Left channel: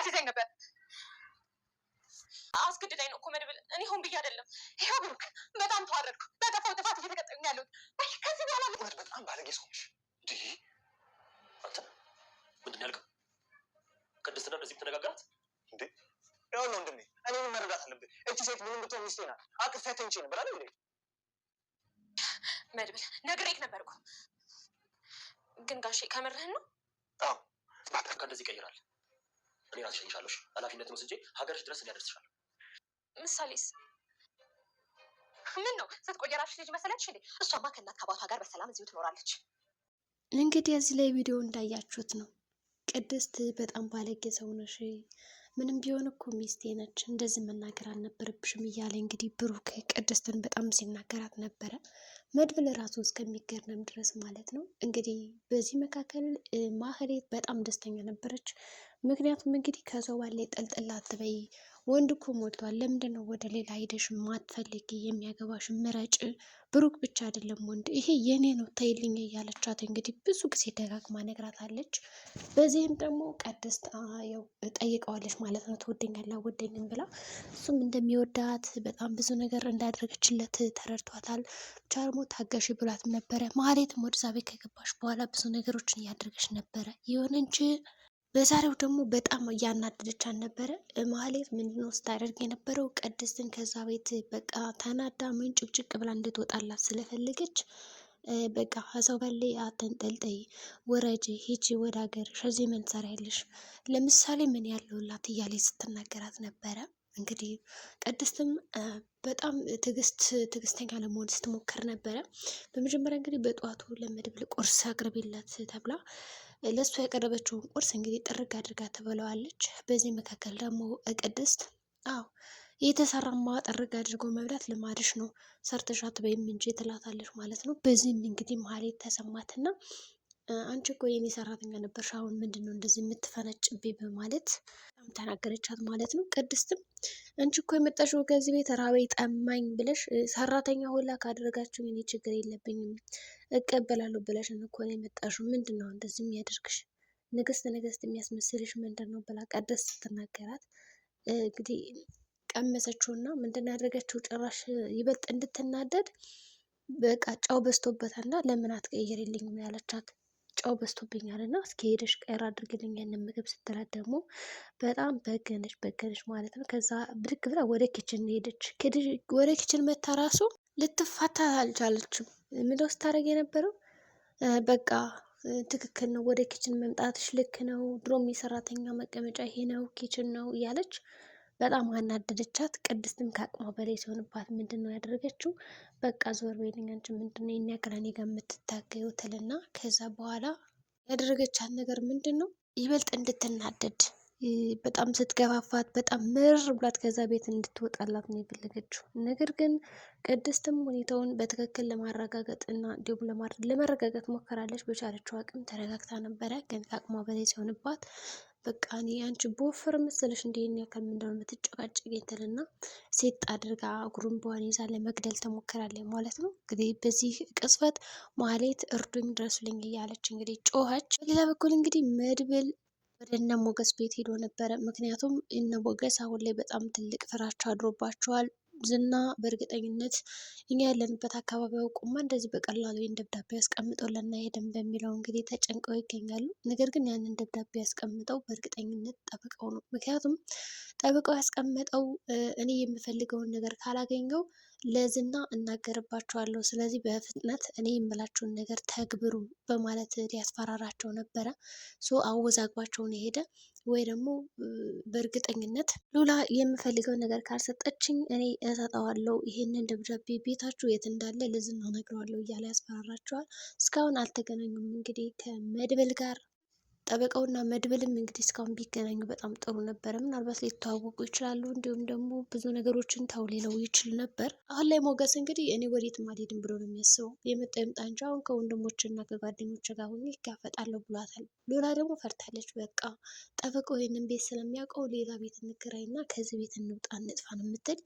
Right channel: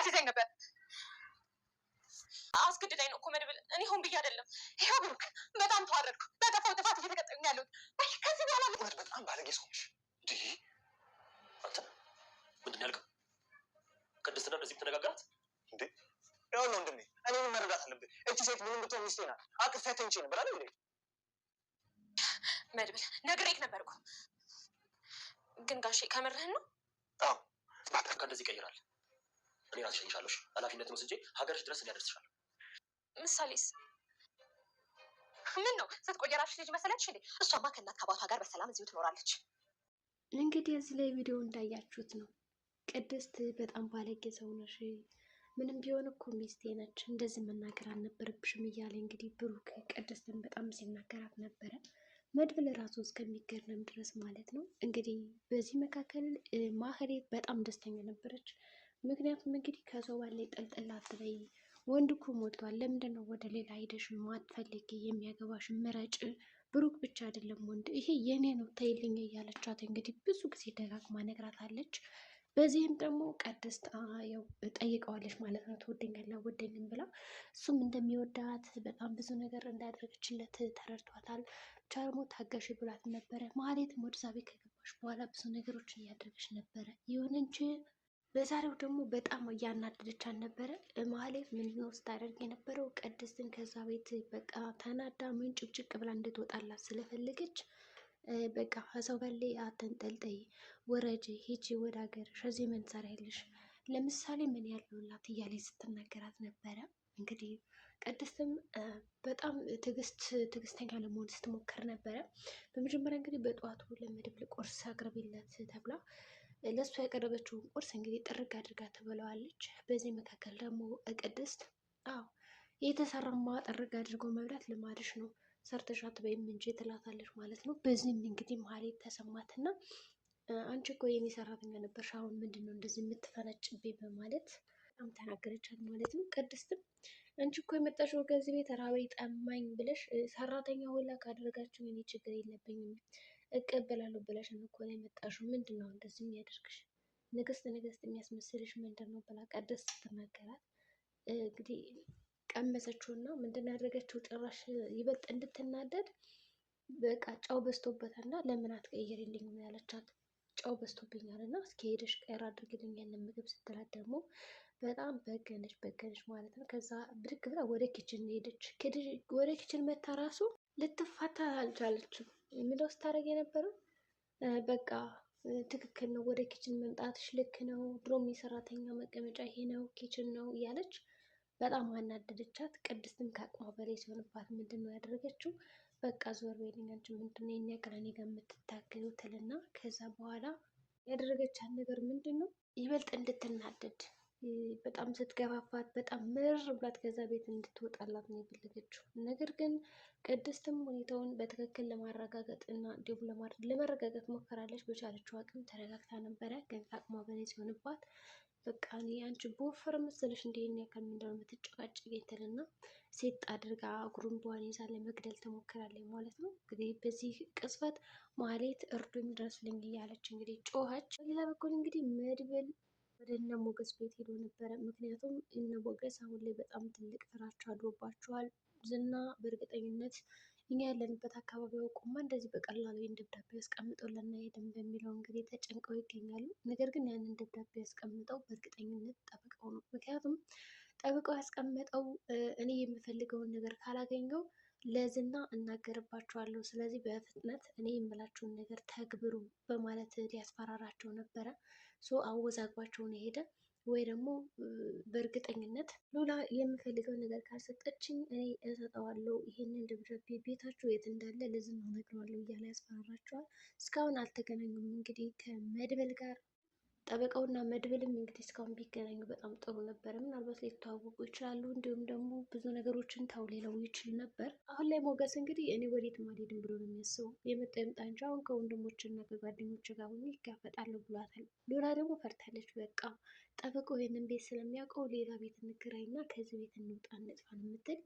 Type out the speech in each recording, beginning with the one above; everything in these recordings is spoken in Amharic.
ልታስይዘኝ ነበር። አስገድዳኝ ነው እኮ መድብል። እኔ ሆን ብዬ አይደለም። ይኸው ብሩክ፣ በጣም ተዋረድኩ። በጠፋው ጥፋት እየተቀጠኝ ያለሁት። ከዚህ በኋላ በጣም ባለጌ ሰው ነሽ። አንተ ምንድን ያልከው? ቅድስትና እንደዚህ ተነጋገራት እንዴ? ያው ነው ወንድሜ፣ እኔ ምን መረዳት አለብህ? እቺ ሴት ምንም ብትሆን ሚስቴ ናት። አቅፌያት ተኝቼ ነበር አይደል እንዴ? መድብል፣ ነግሬህ ነበር እኮ። ግን ጋሼ ከምርህን ነው? አዎ፣ ባታ እንደዚህ ይቀይራል። እኔ ራሴ እሸኝሻለሁ። ኃላፊነትን ወስጄ ሀገርሽ ድረስ እንዲያደርስሻለሁ። ምሳሌስ ምን ነው? ስትቆይ የራስሽ ልጅ መሰለች እንዴ? እሷማ ከእናት ከአባቷ ጋር በሰላም እዚሁ ትኖራለች። እንግዲህ እዚህ ላይ ቪዲዮ እንዳያችሁት ነው። ቅድስት በጣም ባለጌ ሰው ነሽ፣ ምንም ቢሆን እኮ ሚስቴ ነች፣ እንደዚህ መናገር አልነበረብሽም እያለ እንግዲህ ብሩክ ቅድስትን በጣም ሲናገራት ነበረ። መድብል ራሱ እስከሚገርም ድረስ ማለት ነው። እንግዲህ በዚህ መካከል ማህሌት በጣም ደስተኛ ነበረች። ምክንያቱም እንግዲህ ከሰው ባለ ጠልጥላ አትበይ፣ ወንድ እኮ ሞልቷል፣ ለምንድን ነው ወደ ሌላ ሄደሽ ማትፈልጊ? የሚያገባሽ ምረጭ፣ ብሩክ ብቻ አይደለም ወንድ፣ ይሄ የኔ ነው ተይልኝ እያለቻት እንግዲህ ብዙ ጊዜ ደጋግማ ነግራታለች። በዚህም ደግሞ ቅድስት ያው ጠይቀዋለች ማለት ነው፣ ትወደኛለህ አወደኝም ብላ። እሱም እንደሚወዳት በጣም ብዙ ነገር እንዳደረገችለት ተረድቷታል። ብቻ ደግሞ ታገሽ ብሏትም ነበረ። ማህሌትም ወደዛ ቤት ከገባሽ በኋላ ብዙ ነገሮችን እያደረገች ነበረ። ይሁን እንጂ በዛሬው ደግሞ በጣም እያናደደቻት ነበረ። ማህሌት ምንድነው ስታደርግ የነበረው? ቅድስትን ከዛ ቤት በቃ ተናዳ ምን ጭቅጭቅ ብላ እንድትወጣላት ስለፈለገች በቃ ከሰው በላይ አተንጠልጠይ፣ ወረጅ፣ ሂጂ ወደ ሀገርሽ፣ እዚህ ምን ትሰሪያለሽ? ለምሳሌ ምን ያለውላት እያለች ስትናገራት ነበረ። እንግዲህ ቅድስትም በጣም ትዕግስተኛ ለመሆን ስትሞክር ነበረ። በመጀመሪያ እንግዲህ በጠዋቱ ለመድብል ቁርስ አቅርቢለት ተብላ ለእሱ ያቀረበችውን ቁርስ እንግዲህ ጥርግ አድርጋ ትበለዋለች። በዚህ መካከል ደግሞ ቅድስት አዎ የተሰራማ ጥርግ አድርጎ መብላት ልማድሽ ነው፣ ሰርተሽ አትበይም እንጂ ትላታለች ማለት ነው። በዚህም እንግዲህ ማህሌት ተሰማትና አንቺ እኮ የኔ ሰራተኛ ነበርሽ፣ አሁን ምንድን ነው እንደዚህ የምትፈነጭብኝ? በማለት በጣም ተናገረቻት ማለት ነው። ቅድስትም አንቺ እኮ የመጣሽው ከዚህ ቤት ራበይ ጠማኝ ብለሽ ሰራተኛ ሁላ ካደረጋችሁ እኔ ችግር የለብኝም እቀበላለሁ ብለሽ እኮ ነው የመጣሽው። ምንድን ነው እንደዚህ የሚያደርግሽ? ንግስት የሚያስመስልሽ ምንድን ነው ብላ ቅድስት ስትናገራት እንግዲህ ቀመሰችውና ምንድን ነው ያደረገችው? ጭራሽ ይበልጥ እንድትናደድ በቃ ጨው በዝቶበታል እና ለምን አትቀይሪልኝም ያለቻት። ጨው በዝቶብኛል እና እስኪ ሄደሽ ቀይር አድርግልኝ ያንን ምግብ ስትላት ደግሞ በጣም በገነች ማለት ነው። ከዛ ብድግ ብላ ወደ ኪችን ሄደች። ወደ ኪችን መታ ራሱ ልትፋታ አልቻለችም። ምንድነው ስታደርግ የነበረው? በቃ ትክክል ነው፣ ወደ ኪችን መምጣትሽ ልክ ነው፣ ድሮም የሰራተኛ መቀመጫ ይሄ ነው ኪችን ነው እያለች በጣም አናደደቻት። ቅድስትም ከአቅሟ በላይ ሲሆንባት ምንድን ነው ያደረገችው? በቃ ዞር በይልኝ አንቺ ምንድን ነው የእኛ ከላኔ ጋር የምትታገየው ትልና ከዛ በኋላ ያደረገቻት ነገር ምንድን ነው? ይበልጥ እንድትናደድ በጣም ስትገፋፋት በጣም ምር ብላት ከዛ ቤት እንድትወጣላት ነው የፈለገችው። ነገር ግን ቅድስትም ሁኔታውን በትክክል ለማረጋገጥ እና እንዲሁም ለመረጋጋት ሞከራለች። በቻለችው አቅም ተረጋግታ ነበረ። ግን ከአቅሟ በላይ ሲሆንባት በቃ እኔ አንቺ በወፍር መሰለሽ እንደ ይሄን ያክል ምንድነው የምትጨቃጨቅ ትልና ሴት አድርጋ ጉሩምቧን ይዛ ለመግደል ተሞክራለች ማለት ነው። እንግዲህ በዚህ ቅጽበት ማህሌት እርዱኝ ድረሱልኝ እያለች እንግዲህ ጮኸች። በሌላ በኩል እንግዲህ መድብል ወደ እነ ሞገስ ቤት ሄዶ ነበረ። ምክንያቱም እነ ሞገስ አሁን ላይ በጣም ትልቅ ፍራቻ አድሮባቸዋል። ዝና በእርግጠኝነት እኛ ያለንበት አካባቢ አውቁማ እንደዚህ በቀላሉ ይህን ደብዳቤ ያስቀምጠውልና ሄደን በሚለው እንግዲህ ተጨንቀው ይገኛሉ። ነገር ግን ያንን ደብዳቤ ያስቀምጠው በእርግጠኝነት ጠብቀው ነው። ምክንያቱም ጠብቀው ያስቀምጠው እኔ የምፈልገውን ነገር ካላገኘው ለዝና እናገርባቸዋለሁ፣ ስለዚህ በፍጥነት እኔ የምላቸውን ነገር ተግብሩ በማለት ሊያስፈራራቸው ነበረ። አወዛግባቸውን የሄደ ወይ ደግሞ በእርግጠኝነት ሉላ የምፈልገው ነገር ካልሰጠችኝ እኔ እሰጠዋለሁ፣ ይሄንን ደብዳቤ ቤታችሁ የት እንዳለ ለዝና እነግረዋለሁ እያለ ያስፈራራቸዋል። እስካሁን አልተገናኙም። እንግዲህ ከመድብል ጋር ጠበቃውና መድብልም እንግዲህ እስካሁን ቢገናኙ በጣም ጥሩ ነበረ። ምናልባት ሊተዋወቁ ይችላሉ፣ እንዲሁም ደግሞ ብዙ ነገሮችን ተው ሊለው ይችል ነበር። አሁን ላይ ሞገስ እንግዲህ እኔ ወዴትም አልሄድም ብሎ ነው የሚያስበው። የመጣ ይምጣ እንጂ አሁን ከወንድሞችና ከጓደኞች ጋር ሆኜ ይጋፈጣለሁ ብሏታል። ሉላ ደግሞ ፈርታለች። በቃ ጠበቃው ይህንን ቤት ስለሚያውቀው ሌላ ቤት እንከራይና ከዚህ ቤት እንውጣ እንጥፋ ነው የምትል።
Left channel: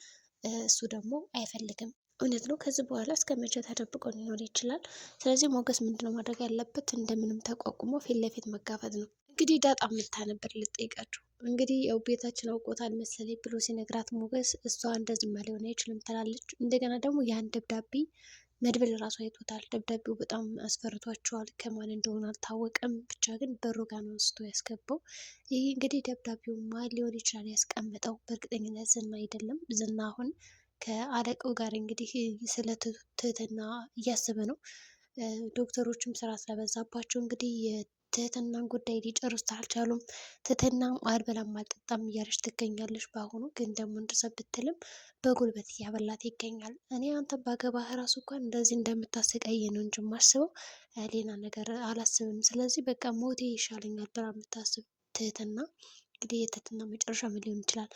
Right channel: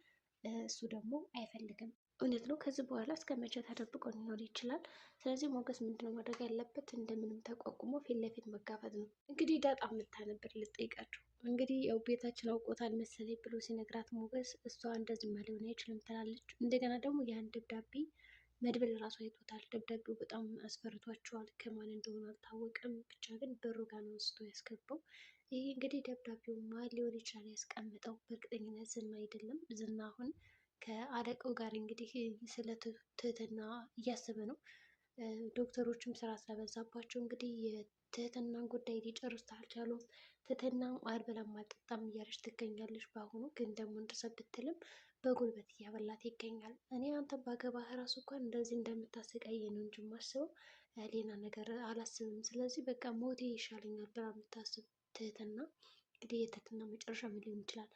እሱ ደግሞ አይፈልግም። እውነት ነው። ከዚህ በኋላ እስከ መቼ ተደብቆ ሊኖር ይችላል? ስለዚህ ሞገስ ምንድነው ማድረግ ያለበት? እንደምንም ተቋቁሞ ፊት ለፊት መጋፈጥ ነው። እንግዲህ ዳጣ መታ ነበር ልጠይቃቸው። እንግዲህ ያው ቤታችን አውቆታል መሰለኝ ብሎ ሲነግራት ሞገስ እሷ እንደዚህማ ሊሆን አይችልም ትላለች። እንደገና ደግሞ ያን ደብዳቤ መድብል ራሱ አይቶታል። ደብዳቤው በጣም አስፈርቷቸዋል። ከማን እንደሆነ አልታወቀም። ብቻ ግን በሩ ጋር ነው አንስቶ ያስገባው። ይህ እንግዲህ ደብዳቤው ማን ሊሆን ይችላል ያስቀምጠው? በእርግጠኝነት ዝና አይደለም። ዝና አሁን ከአለቃው ጋር እንግዲህ ስለ ትህትና እያሰበ ነው። ዶክተሮችም ስራ ስለበዛባቸው እንግዲህ የትህትናን ጉዳይ ሊጨርሱት አልቻሉም። ትህትናም አልበላም አልጠጣም እያለች ትገኛለች። በአሁኑ ግን ደግሞ እንድሰብ ብትልም በጉልበት እያበላት ይገኛል። እኔ አንተ ባገባህ ራሱ እንኳን እንደዚህ እንደምታሰቃይ ነው እንጂ የማስበው ሌላ ነገር አላስብም። ስለዚህ በቃ ሞቴ ይሻለኛል ብላ የምታስብ ትህትና እንግዲህ የትህትና መጨረሻ ምን ሊሆን ይችላል?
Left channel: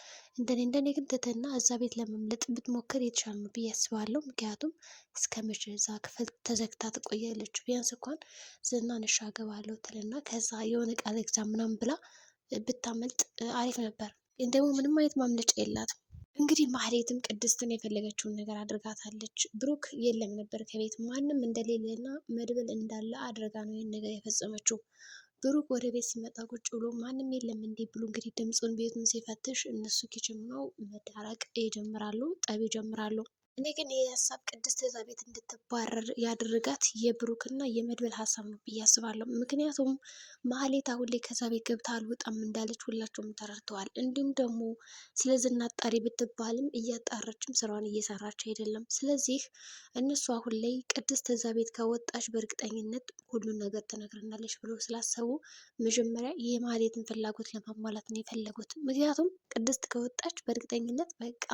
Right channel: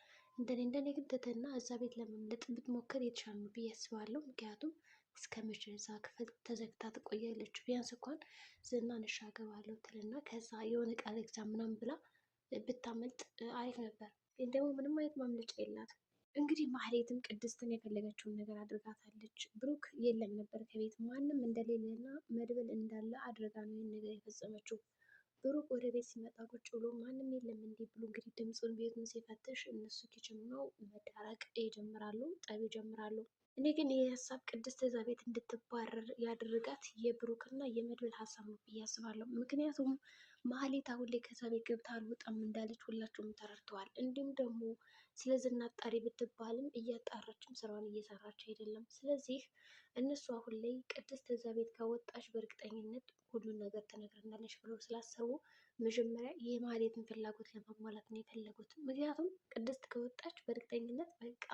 እንደኔ ግን ትህትና እዛ ቤት ለመምለጥ ብትሞክር የተሻለ ነው ብዬ አስባለሁ። ምክንያቱም እስከ መቼ እዛ ክፍል ተዘግታ ትቆያለች? ቢያንስ እንኳን ዝናን እሺ አገባለሁ ትልና ከዛ የሆነ ቃል ግዛ ምናምን ብላ ብታመልጥ አሪፍ ነበር። ግን ደግሞ ምንም አይነት ማምለጫ የላትም። እንግዲህ ማህሌትም ቅድስትን የፈለገችውን ነገር አድርጋታለች። ብሩክ የለም ነበር ከቤት ማንም እንደሌለና መድብል እንዳለ አድርጋ ነው ይህን ነገር የፈጸመችው። ብሩክ ወደ ቤት ሲመጣ ቁጭ ብሎ ማንም የለም እንዲህ ብሎ እንግዲህ ድምፁን ቤቱን ሲፈትሽ እነሱ ኪችን ነው መዳረቅ ይጀምራሉ፣ ጠብ ይጀምራሉ። እኔ ግን ይህ ሀሳብ ቅድስት እዛ ቤት እንድትባረር ያደረጋት የብሩክና የመድብል ሀሳብ ነው ብዬ አስባለሁ። ምክንያቱም ማህሌት አሁን ላይ ከዛ ቤት ገብታ አልወጣም እንዳለች ሁላቸውም ተረድተዋል። እንዲሁም ደግሞ ስለ ዝና አጣሪ ብትባልም እያጣራችም ስራዋን እየሰራች አይደለም። ስለዚህ እነሱ አሁን ላይ ቅድስት እዛ ቤት ከወጣች በእርግጠኝነት ሁሉን ነገር ትነግረናለች ብለው ስላሰቡ መጀመሪያ የማህሌትን ፍላጎት ለማሟላት ነው የፈለጉት። ምክንያቱም ቅድስት ከወጣች በእርግጠኝነት በቃ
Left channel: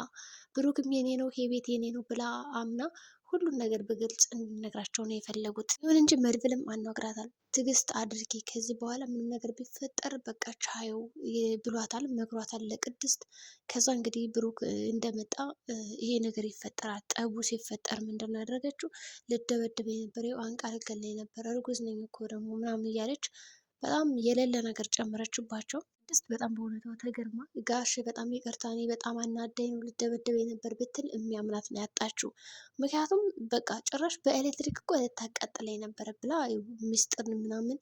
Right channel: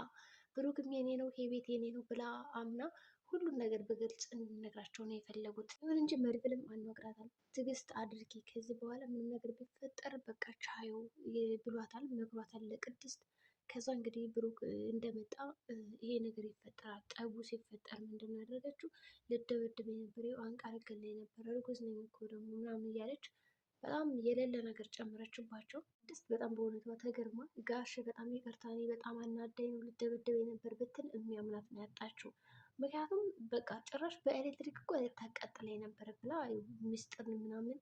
ብሩክም የኔ ነው ይሄ ቤት የኔ ነው ብላ አምና ሁሉን ነገር በግልጽ እንዲነግራቸው ነው የፈለጉት። ይሁን እንጂ መድብልም አናግራታል። ትዕግስት አድርጊ፣ ከዚህ በኋላ ምንም ነገር ቢፈጠር በቃ ቻየው ብሏታል፣ መክሯታል ለቅድስት። ከዛ እንግዲህ ብሩክ እንደመጣ ይሄ ነገር ይፈጠራል። ጠቡ ሲፈጠር ምንድን ነው ያደረገችው? ልደበድበ የነበረው አንቃ ልገለኝ ነበር፣ እርጉዝ ነኝ እኮ ደግሞ ምናምን እያለች በጣም የሌለ ነገር ጨመረችባቸው። ቅድስት በጣም በእውነቷ ተገርማ ጋሽ በጣም ይቅርታ እኔ በጣም አናደኝ ነው ልደበደበኝ ነበር ብትል የሚያምናት ነው ያጣችው። ምክንያቱም በቃ ጭራሽ በኤሌክትሪክ እኮ ልታቃጥለኝ ነበረ ብላ ሚስጥር ምናምን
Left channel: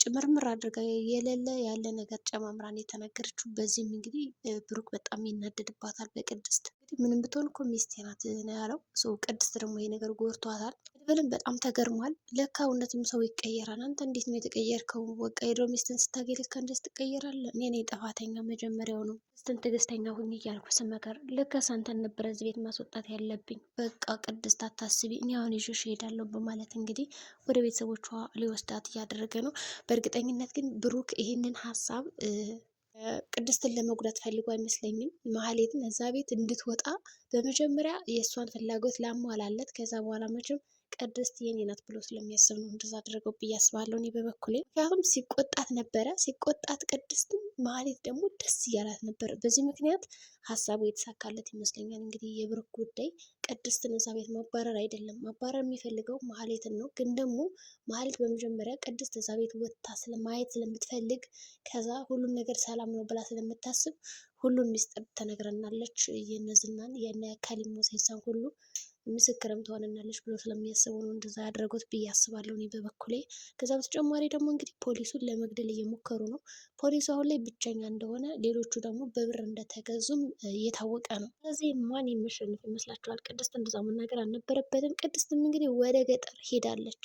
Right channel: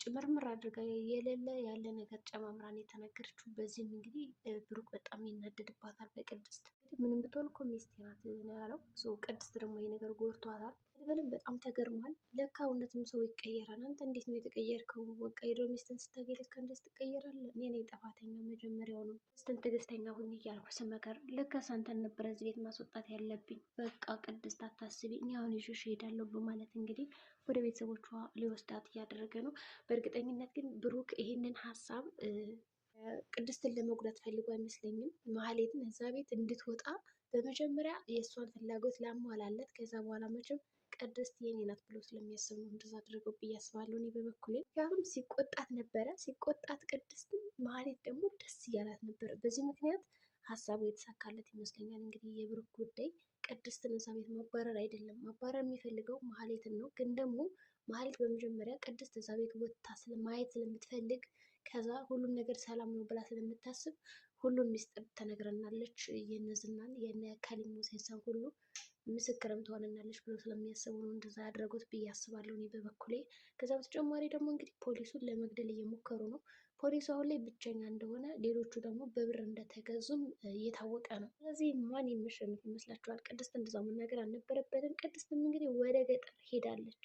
ጭምርምር አድርጋ የሌለ ያለ ነገር ጨማምራን የተናገረችው። በዚህም እንግዲህ ብሩክ በጣም ይናደድባታል በቅድስት። እንግዲህ ምንም ብትሆን እኮ ሚስቴ ናት ነው ያለው። ቅድስት ደግሞ ይሄ ነገር ጎርቷታል። መድብልም በጣም ተገርሟል። ለካ እውነትም ሰው ይቀየራል። አንተ እንዴት ነው የተቀየርከው? በቃ የድሮ ሚስትን ስታገኝ ለካ እንደዚህ ትቀየራለህ። እኔ ነኝ ጥፋተኛ መጀመሪያው ነው ቅድስትን ትዕግስተኛ ሁኝ እያልኩ ስመከር ለካስ አንተን ነበረ እዚህ ቤት ማስወጣት ያለብኝ። በቃ ቅድስት አታስቢ፣ እኔ አሁን ይዤሽ እሄዳለሁ በማለት እንግዲህ ወደ ቤተሰቦቿ ሊወስዳት እያደረገ ነው። በእርግጠኝነት ግን ብሩክ ይህንን ሀሳብ ቅድስትን ለመጉዳት ፈልጎ አይመስለኝም። ማህሌትን እዛ ቤት እንድትወጣ በመጀመሪያ የእሷን ፍላጎት ላሟላለት፣ ከዛ በኋላ መቼም ቅድስት የኔ ናት ብሎ ስለሚያስብ ነው እንደዛ አድርገው ብዬ አስባለሁ እኔ በበኩሌ። ምክንያቱም ሲቆጣት ነበረ። ሲቆጣት ቅድስትን ማህሌት ደግሞ ደስ እያላት ነበር። በዚህ ምክንያት ሀሳቡ የተሳካለት ይመስለኛል። እንግዲህ የብሩክ ጉዳይ ቅድስትን እዛ ቤት ማባረር አይደለም። ማባረር የሚፈልገው ማህሌትን ነው። ግን ደግሞ ማህሌት በመጀመሪያ ቅድስት እዛ ቤት ወጥታ ስለማየት ስለምትፈልግ ከዛ ሁሉም ነገር ሰላም ነው ብላ ስለምታስብ ሁሉም ሚስጥር ተነግረናለች። የነዝናን የነ ከሊሞ ሴሳን ሁሉ ምስክርም ትሆነናለች ብሎ ስለሚያስቡ ነው እንደዛ ያደረጉት ብዬ አስባለሁ እኔ በበኩሌ። ከዛ በተጨማሪ ደግሞ እንግዲህ ፖሊሱን ለመግደል እየሞከሩ ነው። ፖሊሱ አሁን ላይ ብቸኛ እንደሆነ፣ ሌሎቹ ደግሞ በብር እንደተገዙም እየታወቀ ነው። ስለዚህ ማን የሚሸንፍ ይመስላችኋል? ቅድስት እንደዛ መናገር አልነበረበትም። ቅድስትም እንግዲህ ወደ ገጠር ሄዳለች።